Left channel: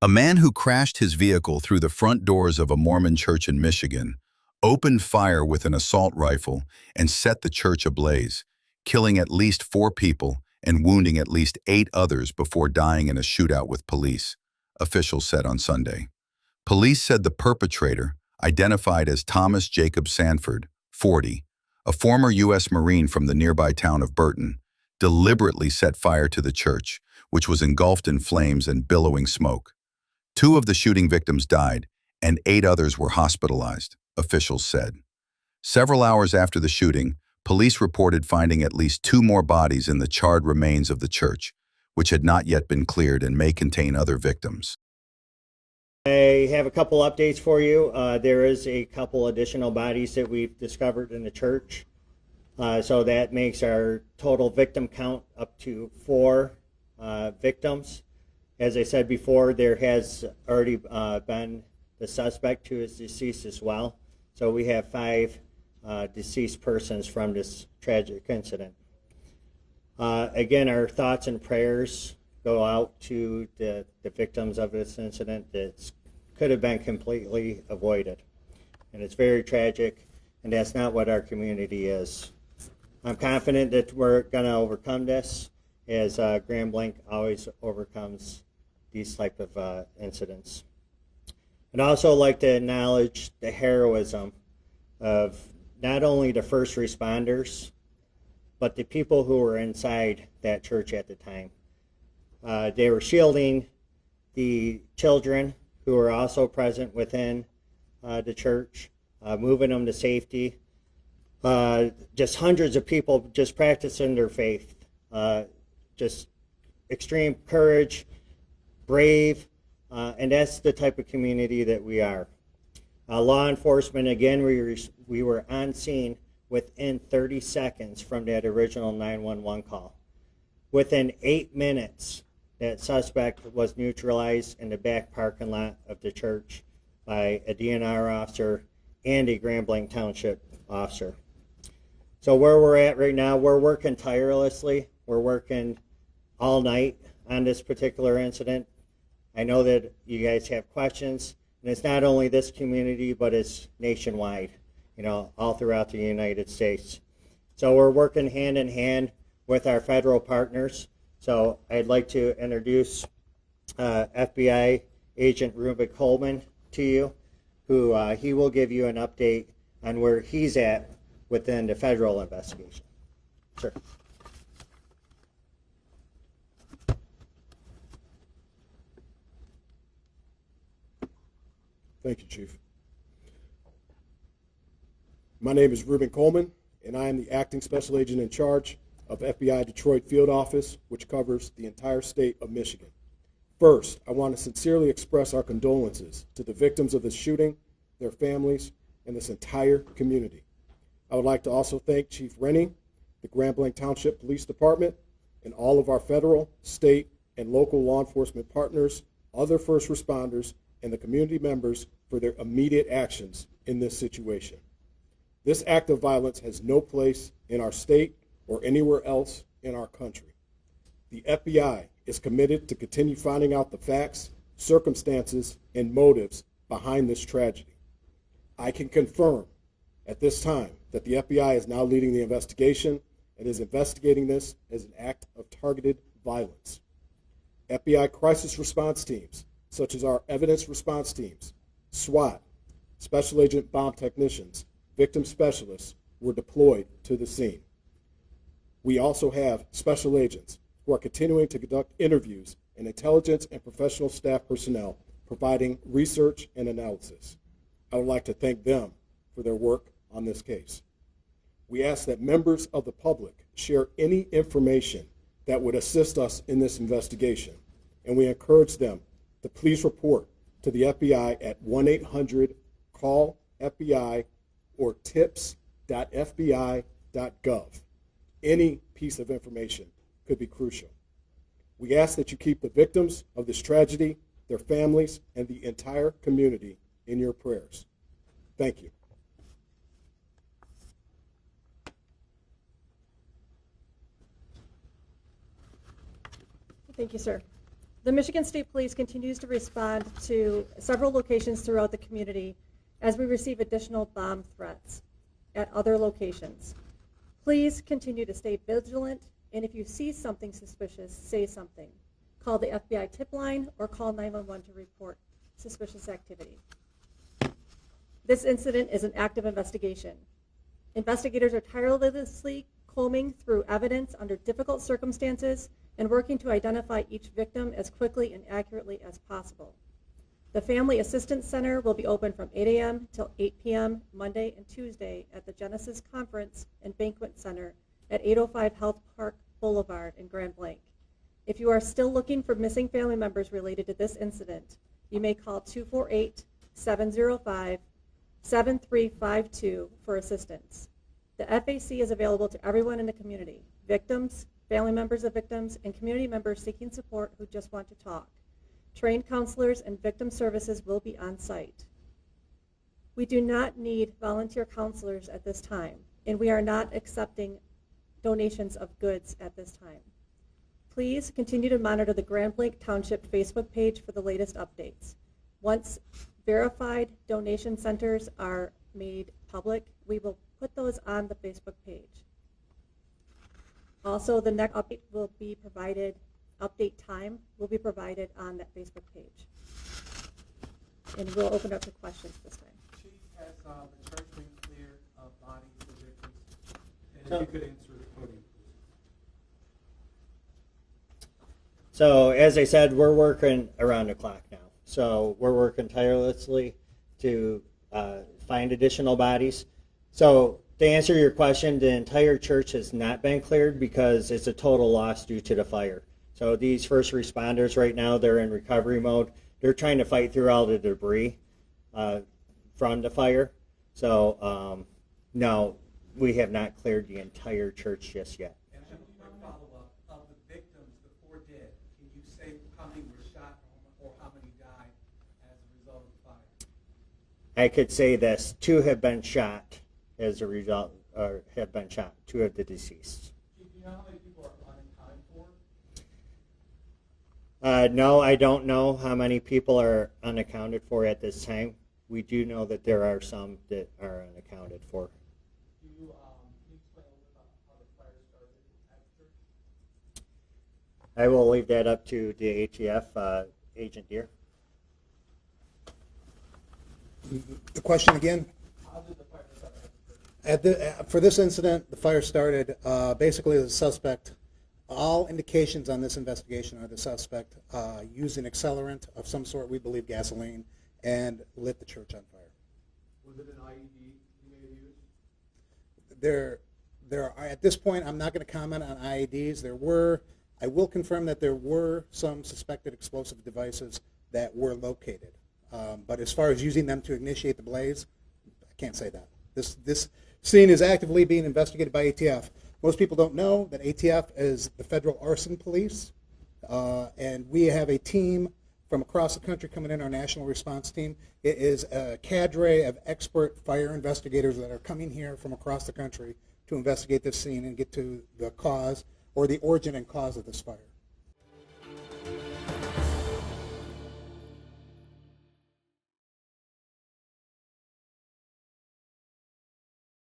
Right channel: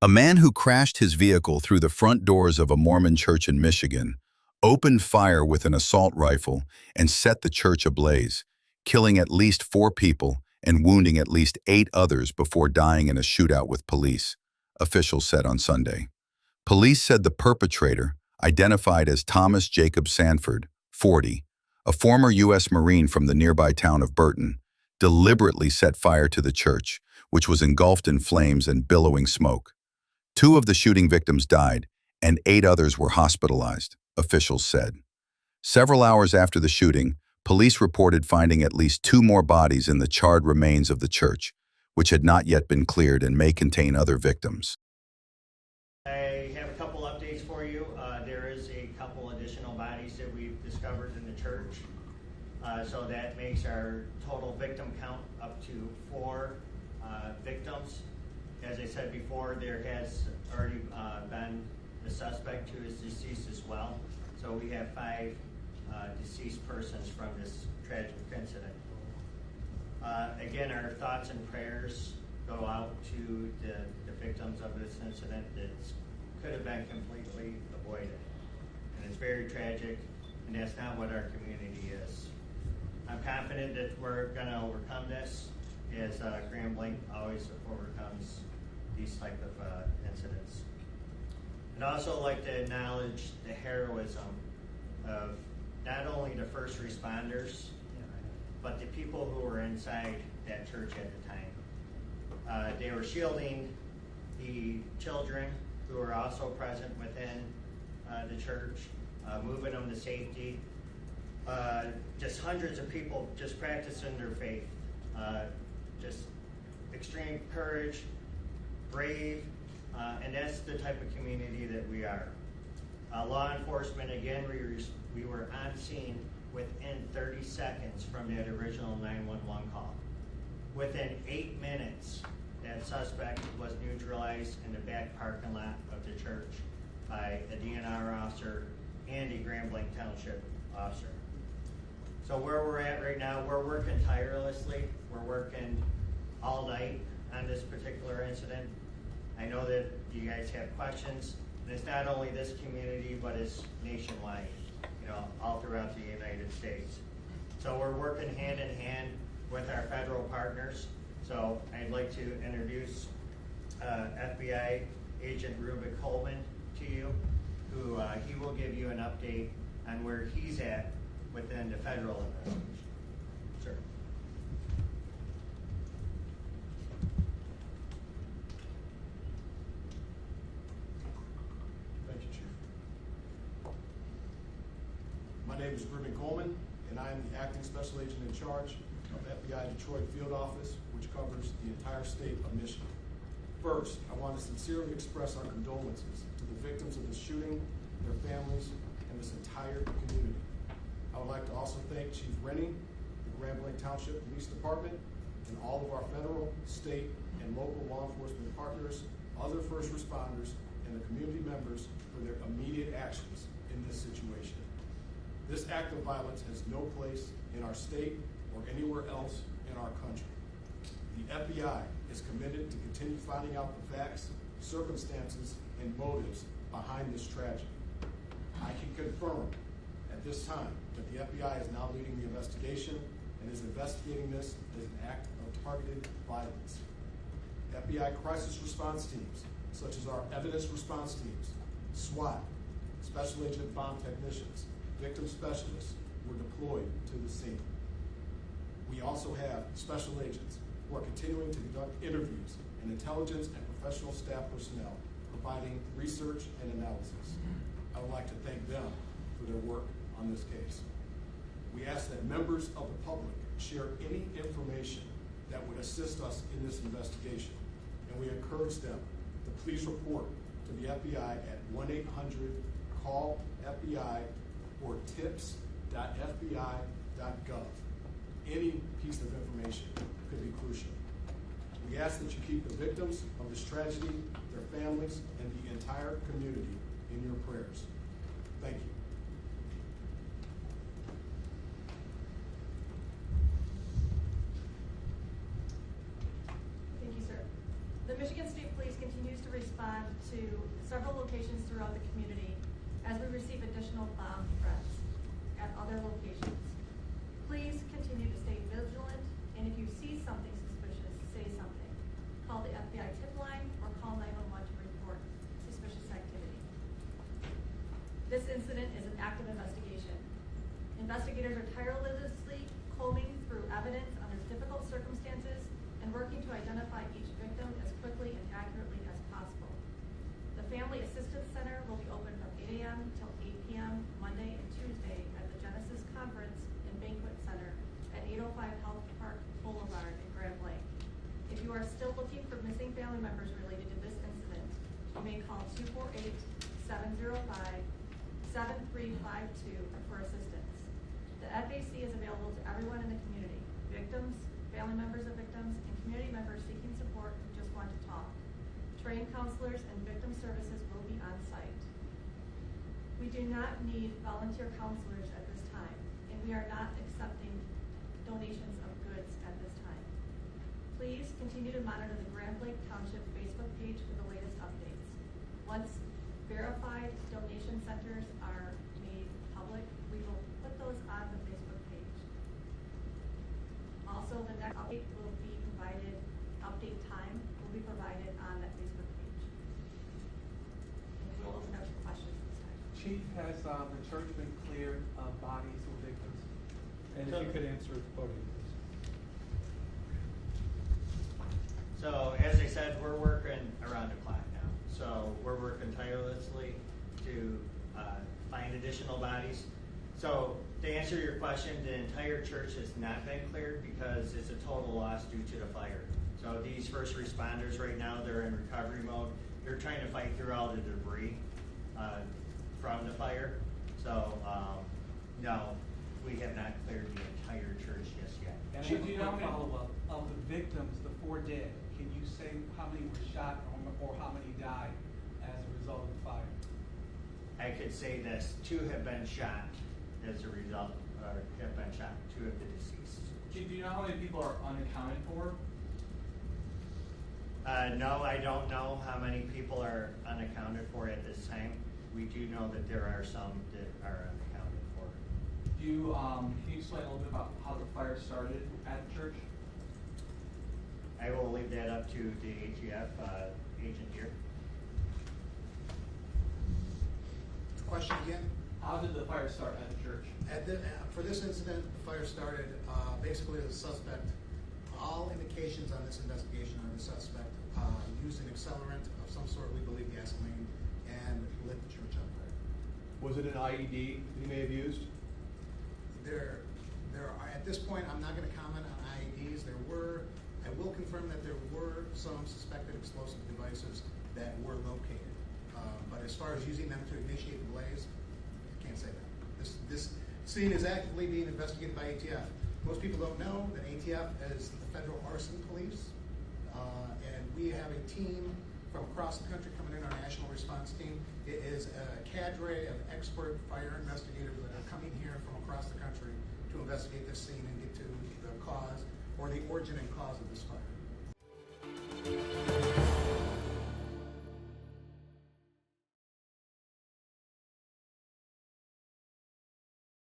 A man who crashed his vehicle through the front doors of a Mormon church in Michigan opened fire with an assault rifle and set the church ablaze, killing at least 4 people and wounding at least 8 others before dying in a shootout with police, officials said on Sunday. Police said the perpetrator, identified as Thomas Jacob Sanford, 40, a former U.S. Marine from the nearby town of Burton, deliberately set fire to the church, which was engulfed in flames and billowing smoke. 2 of the shooting victims died, and 8 others were hospitalized, officials said. Several hours after the shooting, police reported finding at least 2 more bodies in the charred remains of the church, which had not yet been cleared and may contain other victims. I have a couple updates for you. There is a couple additional bodies that we've discovered in the church. So that makes our total victim count up to 4 victims. As I said before, there has already been the suspect who is deceased as well. So we have 5 deceased persons from this tragic incident. Again, our thoughts and prayers go out to the victims of this incident that could have been completely avoided. And it's very tragic, and that's not what our community is. I'm confident that we're going to overcome this, as Grand Blanc always overcomes these type of incidents. I'd also like to acknowledge the heroism of not only the first responders, but the people who were inside that church at the time. They were shielding the children who were also present within the church, moving them to safety. Just hundreds of people just practicing their faith. Just extreme courage, brave, and that's the type of community that we are. Law enforcement, again, we were on scene within 30 seconds from that original 911 call. Within 8 minutes, that suspect was neutralized in the back parking lot of the church by a DNR officer and a Grand Blanc Township officer. So where we're at right now, we're working tirelessly. We're working all night on this particular incident. I know that you guys have questions, and it's not only this community, but it's nationwide, all throughout the United States. So we're working hand in hand with our federal partners. So I'd like to introduce FBI Agent Reuben Coleman to you, who he will give you an update on where he's at within the federal investigation. Sure. Thank you, Chief. My name is Reuben Coleman, and I am the Acting Special Agent in charge of FBI Detroit Field Office, which covers the entire state of Michigan. First, I want to sincerely express our condolences to the victims of this shooting, their families, and this entire community. I would like to also thank Chief Rennie, the Grand Blanc Township Police Department, and all of our federal, state, and local law enforcement partners, other first responders, and the community members for their immediate actions in this situation. This act of violence has no place in our state or anywhere else in our country. The FBI is committed to continue finding out the facts, circumstances, and motives behind this tragedy. I can confirm at this time that the FBI is now leading the investigation and is investigating this as an act of targeted violence. FBI crisis response teams, such as our evidence response teams, SWAT, Special Agent Bomb Technicians, victim specialists, were deployed to the scene. We also have special agents who are continuing to conduct interviews and intelligence and professional staff personnel providing research and analysis. I would like to thank them for their work on this case. We ask that members of the public share any information that would assist us in this investigation, and we encourage them to please report to the FBI at 1-800-CALL-FBI or tips.fbi.gov. Any piece of information could be crucial. We ask that you keep the victims of this tragedy, their families, and the entire community in your prayers. Thank you. Thank you, sir. The Michigan State Police continues to respond to several locations throughout the community as we receive additional bomb threats at other locations. Please continue to stay vigilant, and if you see something suspicious, say something. Call the FBI tip line or call 911 to report suspicious activity. This incident is an active investigation. Investigators are tirelessly combing through evidence under difficult circumstances and working to identify each victim as quickly and accurately as possible. The Family Assistance Center will be open from 8 a.m. till 8 p.m. Monday and Tuesday at the Genesis Conference and Banquet Center at 805 Health Park Boulevard in Grand Blanc. If you are still looking for missing family members related to this incident, you may call 248-705-7352 for assistance. The FAC is available to everyone in the community, victims, family members of victims, and community members seeking support who just want to talk. Trained counselors and victim services will be on site. We do not need volunteer counselors at this time, and we are not accepting donations of goods at this time. Please continue to monitor the Grand Blanc Township Facebook page for the latest updates. Once verified donation centers are made public, we will put those on the Facebook page. Also, the next update will be provided, update time will be provided on that Facebook page. And we'll open up to questions this time. Chief, has the church been cleared of bodies of victims? And if you could answer the podium, please. So as I said, we're working around the clock now. So we're working tirelessly to find additional bodies. So to answer your question, the entire church has not been cleared because it's a total loss due to the fire. So these first responders right now, they're in recovery mode. They're trying to fight through all the debris from the fire. So no, we have not cleared the entire church just yet. And I have a quick follow-up. Of the victims, the 4 dead, can you say how many were shot or how many died as a result of the fire? I could say this, 2 have been shot as a result, or have been shot, 2 of the deceased. Do you know how many people are unaccounted for? No, I don't know how many people are unaccounted for at this time. We do know that there are some that are unaccounted for. Can you explain a little bit about how the fire started at the church? I will leave that up to the ATF agent here. The question again? How did the fire start at the church? For this incident, the fire started basically the suspect. All indications on this investigation are the suspect used an accelerant of some sort, we believe gasoline, and lit the church on fire. Was it an IED he may have used? There are, at this point, I'm not going to comment on IEDs. I will confirm that there were some suspected explosive devices that were located. But as far as using them to initiate the blaze, I can't say that. This scene is actively being investigated by ATF. Most people don't know that ATF is the federal arson police, and we have a team from across the country coming in, our national response team. It is a cadre of expert fire investigators that are coming here from across the country to investigate this scene and get to the cause or the origin and cause of this fire.